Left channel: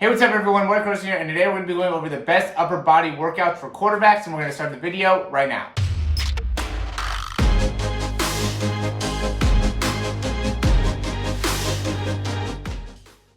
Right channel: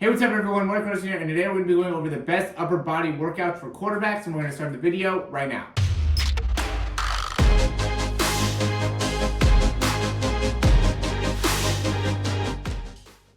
Hey, what's up everyone, Mike Rosen here, and today we're going to be going over the best upper body workouts for quarterbacks, and we're going to start the video right now.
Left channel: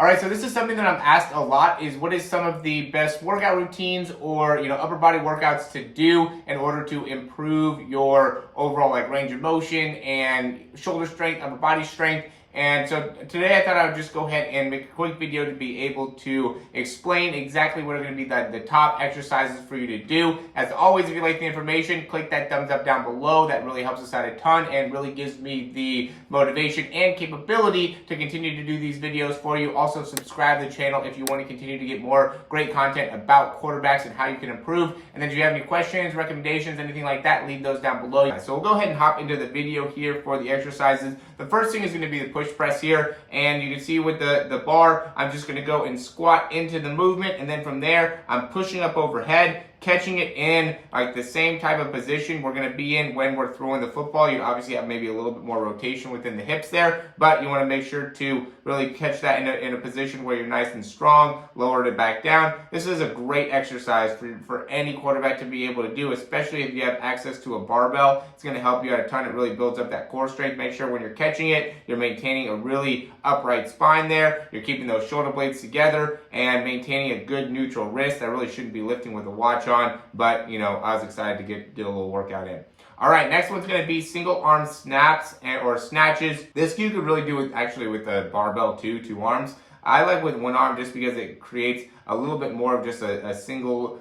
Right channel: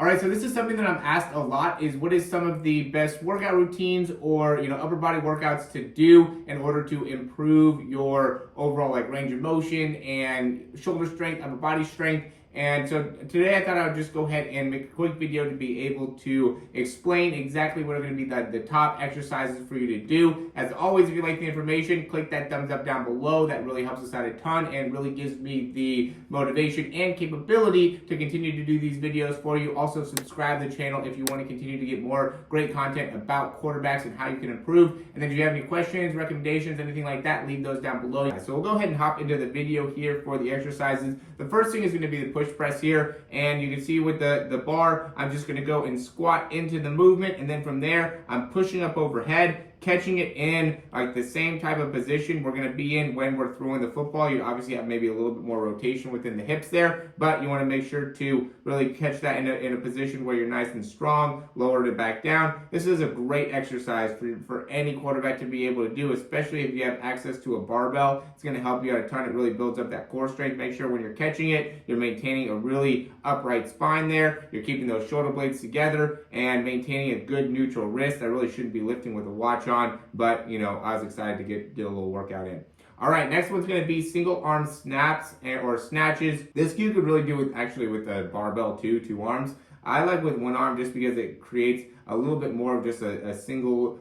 Alright, so this is something that I'm asked a lot, is what is some of the best workout routines or, upper body workouts to do in order to improve your overall range of motion and shoulder strength, upper body strength. And so today I thought I would just go ahead and make a quick video to be able to explain exactly what are going to be the top exercises for you to do. As always, if you like the information, click that thumbs up down below. That really helps us out a ton and really gives me the motivation and capability to continue to do these videos for you. Also, subscribe to the channel if you want to continue to get more great content about quarterbacks and how you can improve. And then if you have any questions, recommendations, anything like that, leave those down below. So we'll go ahead and hop into the video here for the exercises. The first thing is going to be the push press here, and you can see with the bar, I'm just going to go and squat into the movement, and then from there I'm pushing up overhead, catching it in the same type of position we're going to be in when we're throwing the football. You obviously have maybe a little bit more rotation within the hips there, but you want to make sure to really catch that in a position where you're nice and strong, lower it back down. This is a great exercise for any quarterback to be able to do, especially if you have access to a barbell. It's going to help you out a ton. It really builds up that core strength. Make sure when you're catching it, you're maintaining a really upright spine there. You're keeping those shoulder blades together and maintaining a good neutral wrist. I really shouldn't be lifting with a watch on, but I was excited to get a little workout in. All right, next one's going to be single arm snaps or snatches. This you could really do with the barbell too, two arms. I like with one arm just because it creates a little bit more of just a single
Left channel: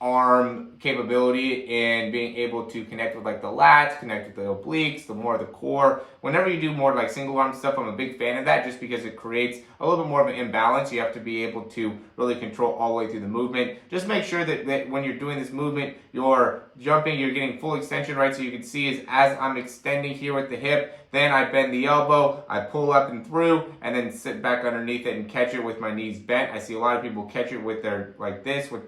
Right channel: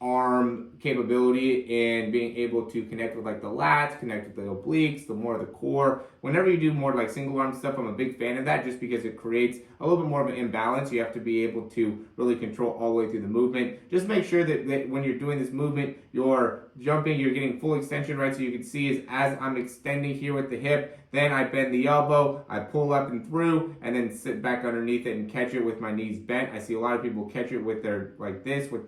arm capability in being able to connect with the lats, connect with the obliques, the more the core. Whenever you do more single arm stuff, I'm a big fan of that just because it creates a little bit more of an imbalance. You have to be able to really control all the way through the movement. Just make sure that when you're doing this movement, you're jumping, you're getting full extension, right? So you can see is as I'm extending here with the hip, then I bend the elbow, I pull up and through, and then sit back underneath it and catch it with my knees bent. I see a lot of people catch it with their, with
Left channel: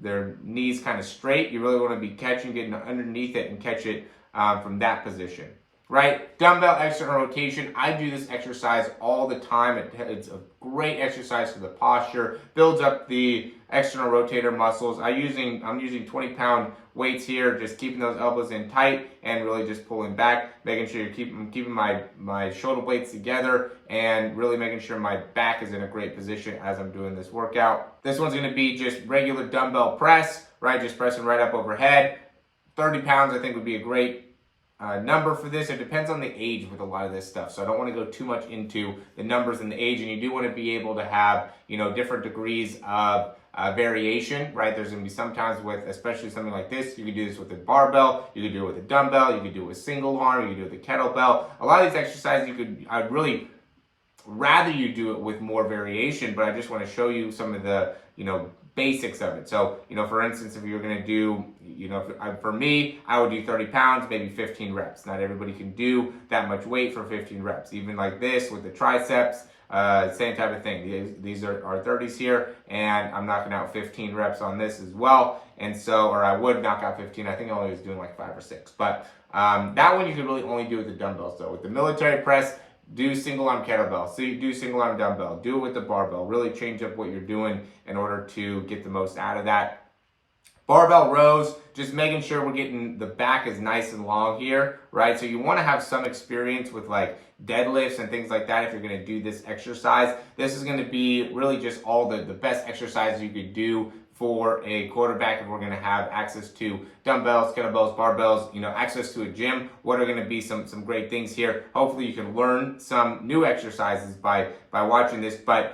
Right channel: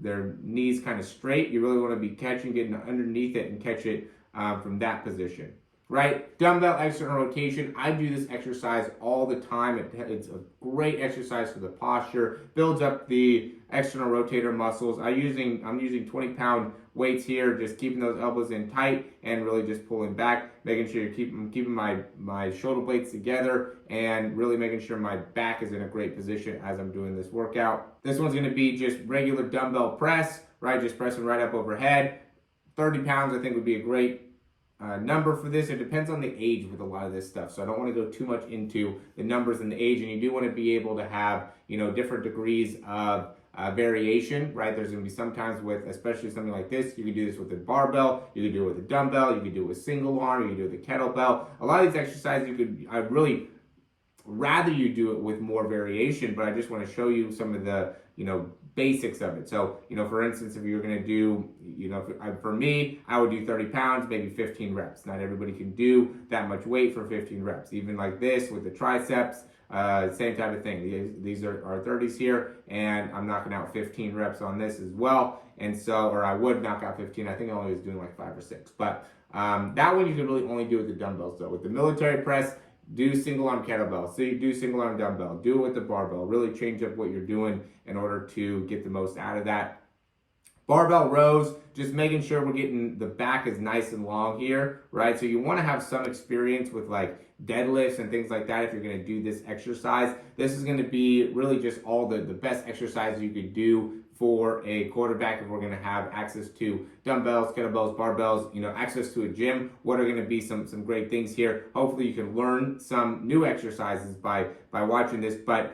their knees kind of straight. You really want to be catching, getting underneath it and catch it from that position, right? Dumbbell external rotation. I do this exercise all the time. It's a great exercise for the posture, builds up the external rotator muscles. I'm using 20-pound weights here, just keeping those elbows in tight and really just pulling back, making sure you're keeping my shoulder blades together and really making sure my back is in a great position as I'm doing this workout. This one's going to be just regular dumbbell press, right? Just pressing right up overhead. 30 pounds I think would be a great number for this. It depends on the age with a lot of this stuff, so I don't want to go too much into the numbers and the age, and you do want to be able to have different degrees of variation, right? There's going to be sometimes with, especially something like this, you could do this with a barbell, you could do it with a dumbbell, you could do it with single arm, you could do it with a kettlebell. A lot of these exercises I'd really rather you do it with more variation, but I just want to show you some of the basics of it. So for instance, if you're going to do for me, I would do 30 pounds, maybe 15 reps. Not everybody can do that much weight for 15 reps. Even like this with the triceps, same type of thing. These are 30s here, and I'm knocking out 15 reps on this as well. And so, or I would knock out 15. I think I only was doing 5 or 6, but that one you can really only do with the dumbbells. So with the military press, do single arm kettlebell, do single arm dumbbell, do it with the barbell. Really change up what you're doing in order to get the most out of that. Barbell rows, just making sure we're getting the back is nice and long here, right? So you want to have some experience with deadlifts and things like that if you're going to do this exercise. This is going to be really just all the best exercises you could do for a quarterback if we're going to have access to dumbbells, kettlebells, barbells, access to a gym. What are going to be some great things here? Hopefully you can learn some new exercises by watching this, but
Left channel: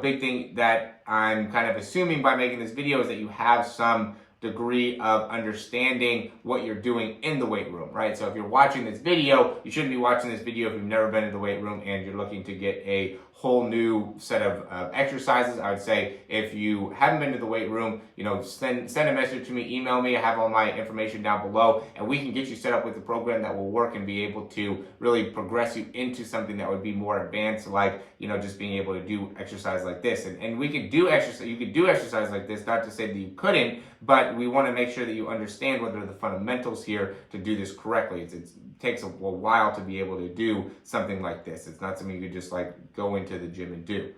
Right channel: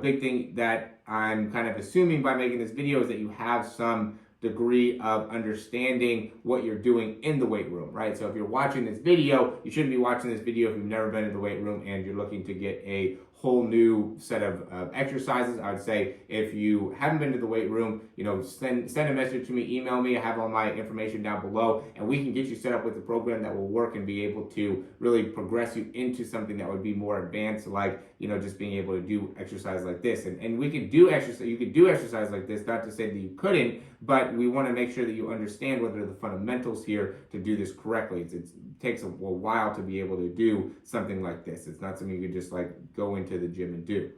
big thing that I'm kind of assuming by making this video is that you have some degree of understanding what you're doing in the weight room, right? So if you're watching this video, you shouldn't be watching this video if you've never been in the weight room and you're looking to get a whole new set of exercises. I would say if you haven't been to the weight room, send a message to me, email me. I have all my information down below, and we can get you set up with a program that will work and be able to really progress you into something that would be more advanced, just being able to do exercise like this. And we could do exercise. You could do exercise like this, not to say that you couldn't, but we want to make sure that you understand what are the fundamentals here to do this correctly. It takes a while to be able to do something like this. It's not something you could just go into the gym and do.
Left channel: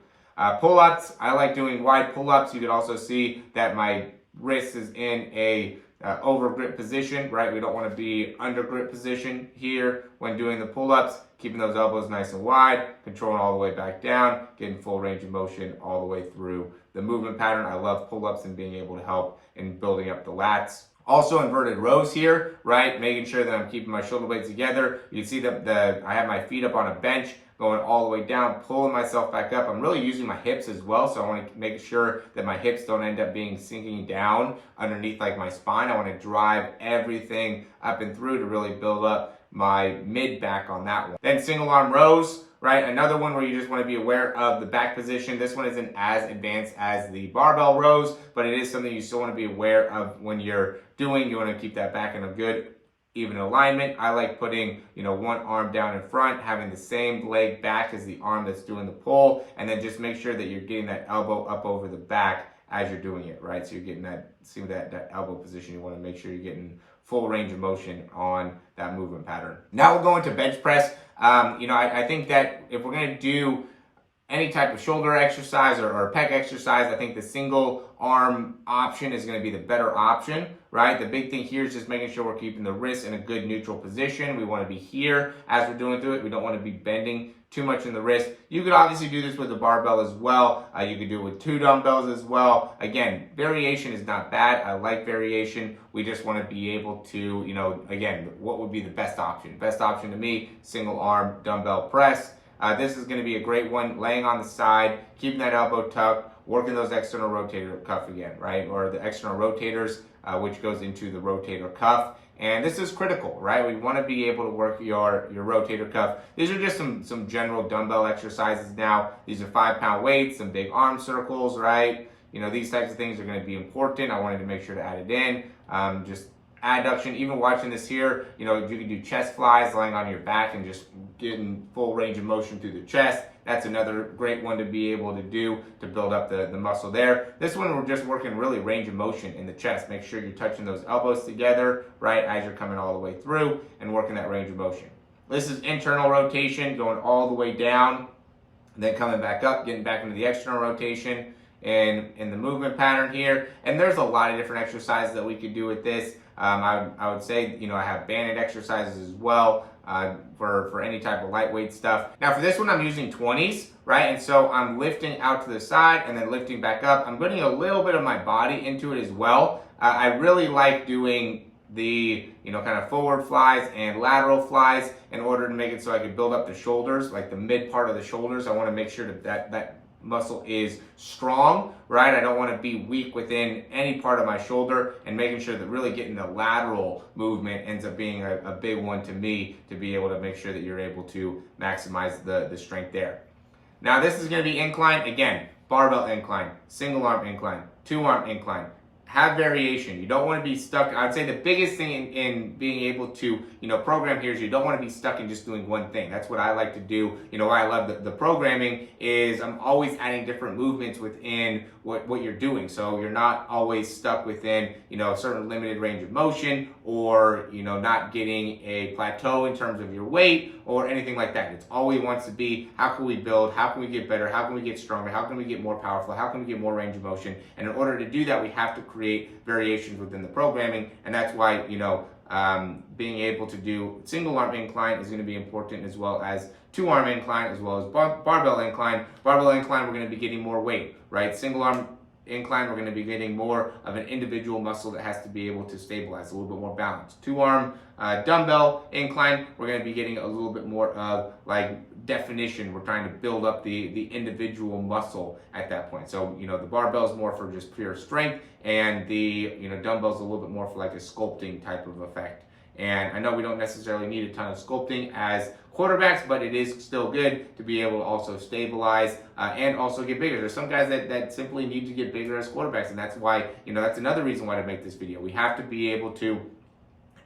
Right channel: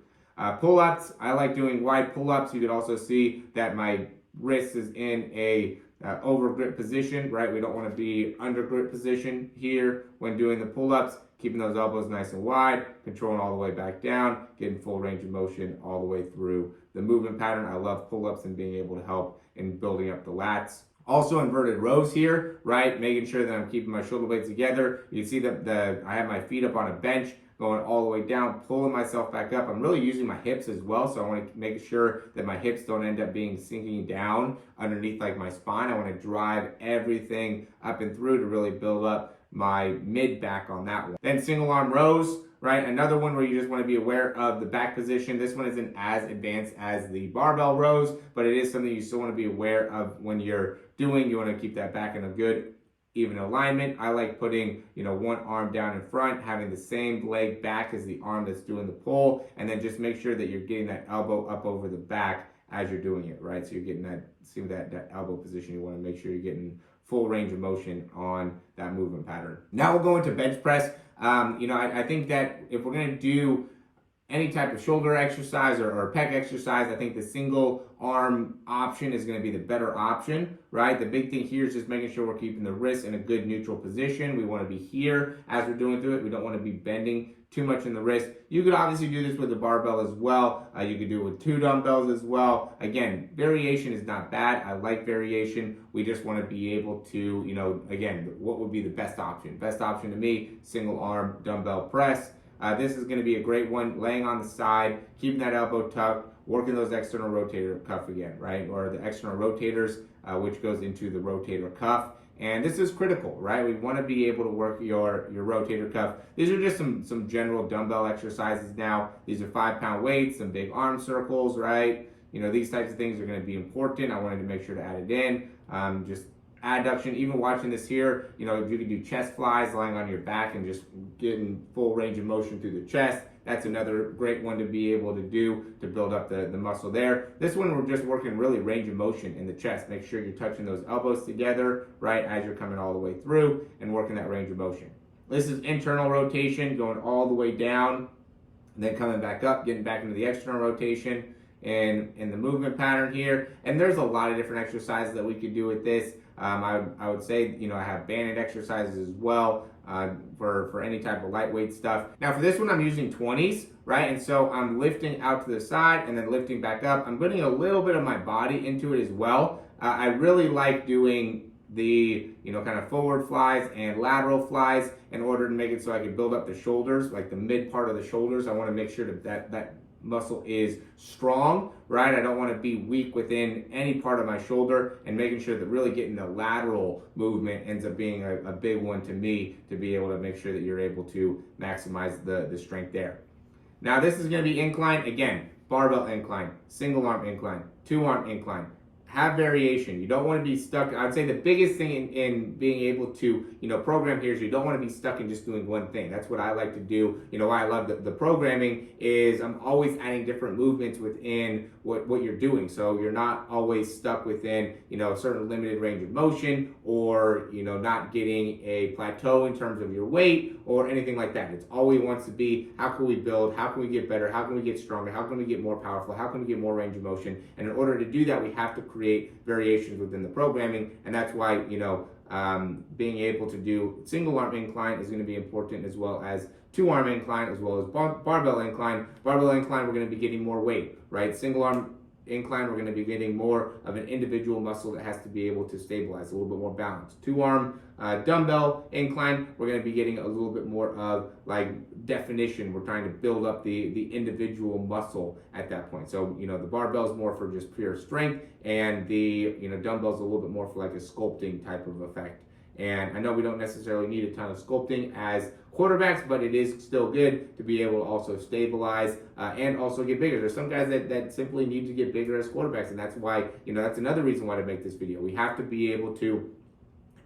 Pull-ups, I like doing wide pull-ups. You could also see that my wrist is in a over grip position, right? We don't want to be under grip position here when doing the pull-ups, keeping those elbows nice and wide, controlling all the way back down, getting full range of motion all the way through the movement pattern. I love pull-ups and being able to help in building up the lats. Also inverted rows here, right? Making sure that I'm keeping my shoulder blades together. You can see that I have my feet up on a bench, going all the way down, pulling myself back up. I'm really using my hips as well, so I want to make sure that my hips don't end up being sinking down underneath like my spine. I want to drive everything up and through to really build up my mid back on that one. Then single arm rows, right? Another one where you just want to be aware of the back position. This one isn't as advanced as the barbell rows, but it is something you still want to be aware of when you're doing. You want to keep that back in a good even alignment. I like putting, one arm down in front, having the same leg back as the arm that's doing the pull, and then just make sure that you're getting that elbow up over the back as you're doing it, right? So you're getting that elbow position. You want to make sure you're getting full range of motion on that movement pattern. Now we'll go into bench press. I think that if we're going to do any type of shoulder exercise or pec exercise, I think the single arm option is going to be the better option, right? The big thing here is just making sure we're keeping the wrist in a good neutral position. We want to be here as we're doing through it. We don't want to be bending too much in the wrist. You could obviously do this with a barbell as well. You could do it with 2 dumbbells as well. Again, variation is not bad. I like variation. We just want to be able to, again, what would be the best option? Best option to me, single arm dumbbell press. This is going to be a great one, laying on the side, keeping that elbow tucked, working those external rotator cuff again, right? Or the external rotators, which goes into the rotator cuff. And this is critical, right? We want to be able to work your rotator cuff. These are just some general dumbbell exercises now. These are 5-pound weights, some big arm circles, right? These types of things are going to be important. I wanted to make sure to add it in. Just adduction, even watching this here, you can do chest flies, lying on your back and just getting full range of motion through the chest. That's another great one to be able to do to build up the muscle there. This one, we're just working really range of motion in the chest. Make sure you're touching those elbows together, right, as you're coming all the way through and working that range of motion. This is internal rotation, going all the way down, and then coming back up, getting back into the external rotation and in the movement pattern here. And there's a lot of different exercises that we could do with this. I would say, I have banded exercises as well for any type of lightweight stuff. Now for this one, I'm using 20s, right? And so I'm lifting out to the side and then lifting back up. I'm putting a little bit of my body into it as well. I really like doing the, kind of forward flies and lateral flies in order to make it so I can build up the shoulders, like the mid part of the shoulders. I want to make sure that muscle is strong, right? I don't want to be weak within any part of my shoulder, and making sure that really getting the lateral movement ends up being a big one to me, to be able to make sure that you're able to maximize the strength there. Now this is going to be incline. Again, barbell incline, single arm incline, 2-arm incline. Have variation. You don't want to be stuck. I'd say the biggest thing in being able to, program here is you don't want to be stuck in just doing one thing. That's what I like to do. Why I love the programming is I'm always adding different movements within what you're doing. So you're not always stuck within, a certain limited range of motion, or, not getting a plateau in terms of your weight or anything like that. It's always wants to be, how can we build? How can we get better? How can we get stronger? How can we get more powerful? How can we get more range of motion? And in order to do that, we have to create variations within the programming. And that's why, being able to do single arm incline is going to be important, as well as 2-arm incline, as well as barbell incline. Barbell incline, we're going to be getting more weight, right? Single arm incline, we're going to be getting more of an individual muscle that has to be able to stabilize, a little bit more balance. 2-arm dumbbell incline, we're going to be getting a little bit more of like definition. We're trying to build up the individual muscle at that point. So, the barbell is more for just pure strength, and the, dumbbell is a little bit more for like a sculpting type of effect. And I know we don't necessarily need a ton of sculpting as quarterbacks, but it is still good to be able to also stabilize and also get bigger. There's some guys that simply need to get bigger as quarterbacks, and that's why, that's another reason why to make this video. We have to be able to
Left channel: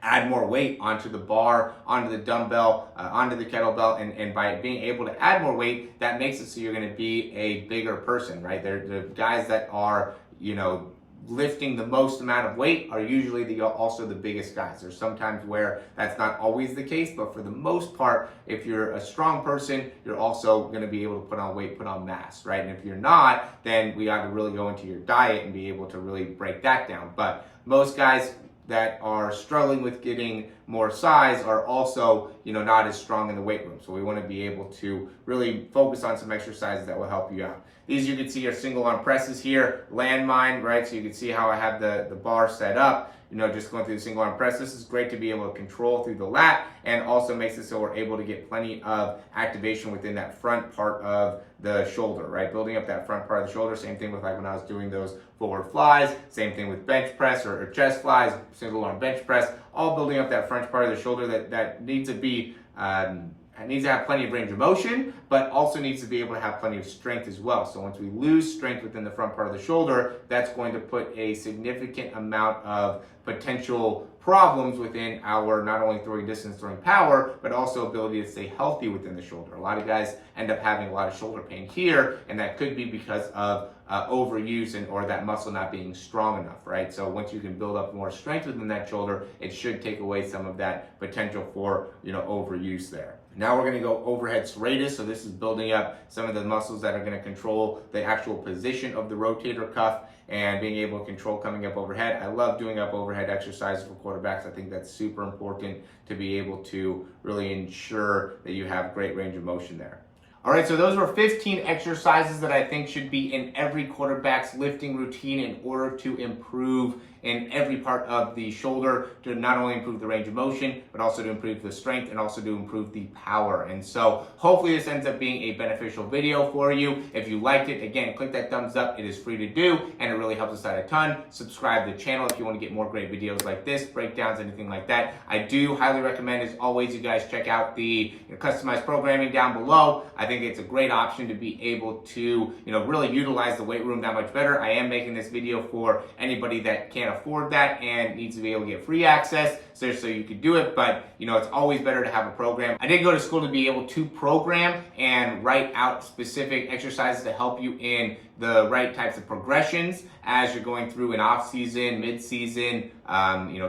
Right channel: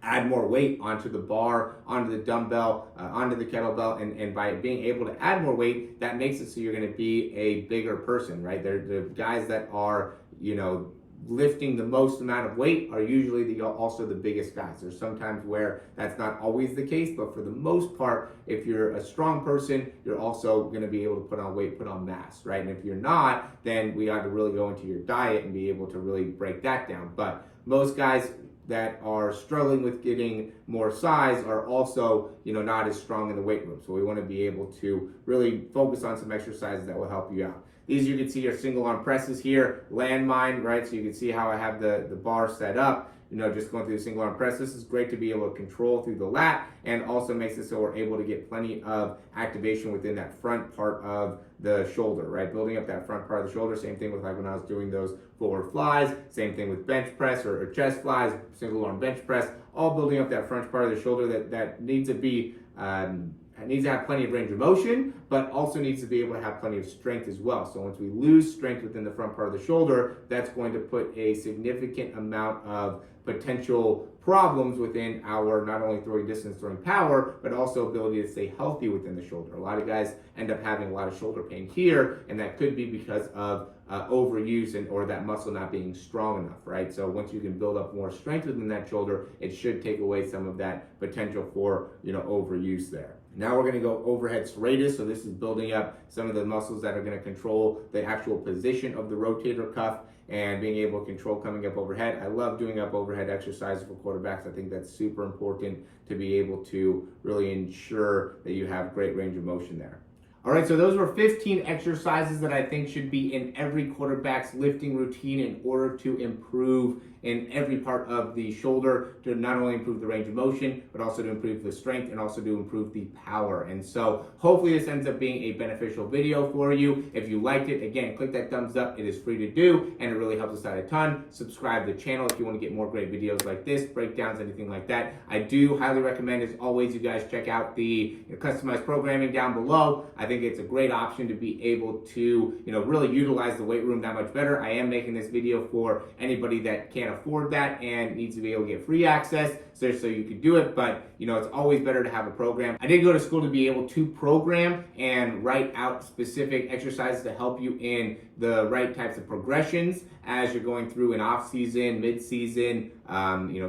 add more weight onto the bar, onto the dumbbell, onto the kettlebell, and by being able to add more weight, that makes it so you're going to be a bigger person, right? They're the guys that are, lifting the most amount of weight are usually also the biggest guys. There's sometimes where that's not always the case, but for the most part, if you're a strong person, you're also going to be able to put on weight, put on mass, right? And if you're not, then we got to really go into your diet and be able to really break that down. But most guys that are struggling with getting more size are also, not as strong in the weight room. So we want to be able to really focus on some exercises that will help you out. These you can see are single arm presses here, landmine, right? So you can see how I have the bar set up, just going through the single arm press. This is great to be able to control through the lat, and also makes it so we're able to get plenty of activation within that front part of the shoulder, right? Building up that front part of the shoulder. Same thing with like when I was doing those forward flies, same thing with bench press or chest flies, single arm bench press, all building up that front part of the shoulder that needs to be, needs to have plenty of range of motion, but also needs to be able to have plenty of strength as well. So once we lose strength within the front part of the shoulder, that's going to put a significant amount of potential problems within our not only throwing distance, throwing power, but also ability to stay healthy within the shoulder. A lot of guys end up having a lot of shoulder pain here, and that could be because of overuse or that muscle not being strong enough, right? So once you can build up more strength within that shoulder, it should take away some of that potential for, overuse there. Now we're going to go overhead serratus. So this is building up some of the muscles that are going to control the actual position of the rotator cuff and being able to control coming up overhead. I love doing up overhead exercises for quarterbacks. I think that's super important to be able to really ensure that you have great range of motion there. All right, so those were 15 exercises that I think should be in every quarterback's lifting routine in order to improve in every part of the shoulder, to not only improve the range of motion, but also to improve the strength and also to improve the power. And so hopefully this ends up being a beneficial video for you. If you liked it, again, click that thumbs up. It is free to do, and it really helps us out a ton. Subscribe to the channel if you want to get more great videos like this, breakdowns, anything like that. I do highly recommend, as always, you guys check out the customized programming down below. I think it's a great option to be able to, really utilize the weight room that much better. I am making this video for anybody that can't afford that and needs to be able to get free access, so you could do it, but it's always better to have a program. I did go to school to be able to program and write out specific exercises to help you in the right types of progressions as you're going through an off season, mid season,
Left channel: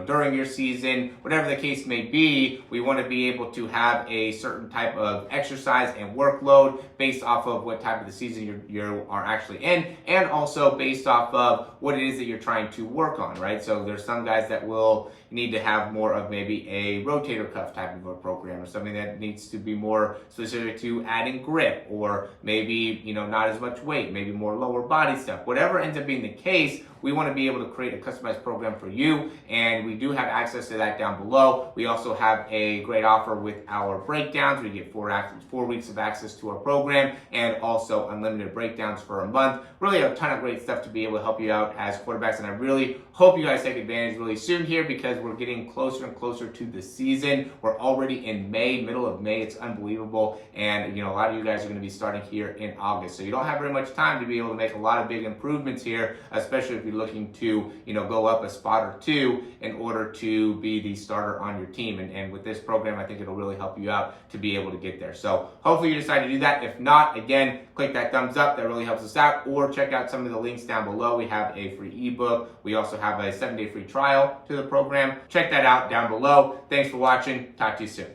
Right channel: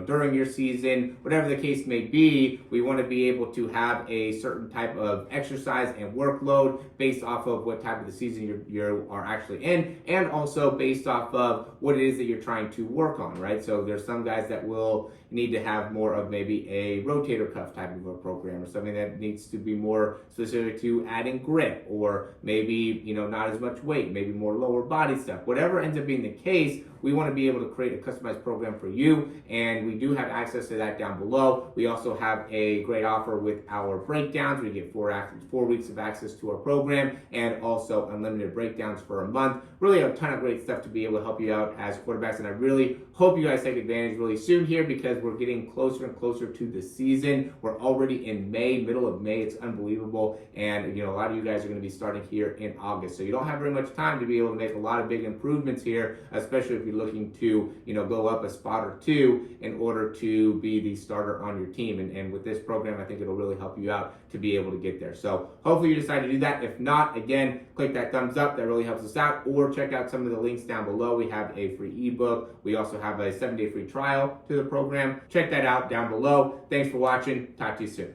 during your season, whatever the case may be. We want to be able to have a certain type of exercise and workload based off of what type of the season you are actually in, and also based off of what it is that you're trying to work on, right? So there's some guys that will need to have more of maybe a rotator cuff type of a program, or something that needs to be more specific to adding grip, or maybe not as much weight, maybe more lower body stuff. Whatever ends up being the case, we want to be able to create a customized program for you, and we do have access to that down below. We also have a great offer with our breakdowns. We get 4 weeks of access to our program, and also unlimited breakdowns for a month. Really a ton of great stuff to be able to help you out as quarterbacks, and I really hope you guys take advantage really soon here, because we're getting closer and closer to the season. We're already in May, middle of May. It's unbelievable, and a lot of you guys are going to be starting here in August, so you don't have very much time to be able to make a lot of big improvements here, especially if you're looking to go up a spot or two in order to be the starter on your team. And with this program, I think it'll really help you out to be able to get there. So hopefully you decide to do that. If not, again, click that thumbs up. That really helps us out. Or check out some of the links down below. We have a free ebook. We also have a 7-day free trial to the program. Check that out down below. Thanks for watching. Talk to you soon.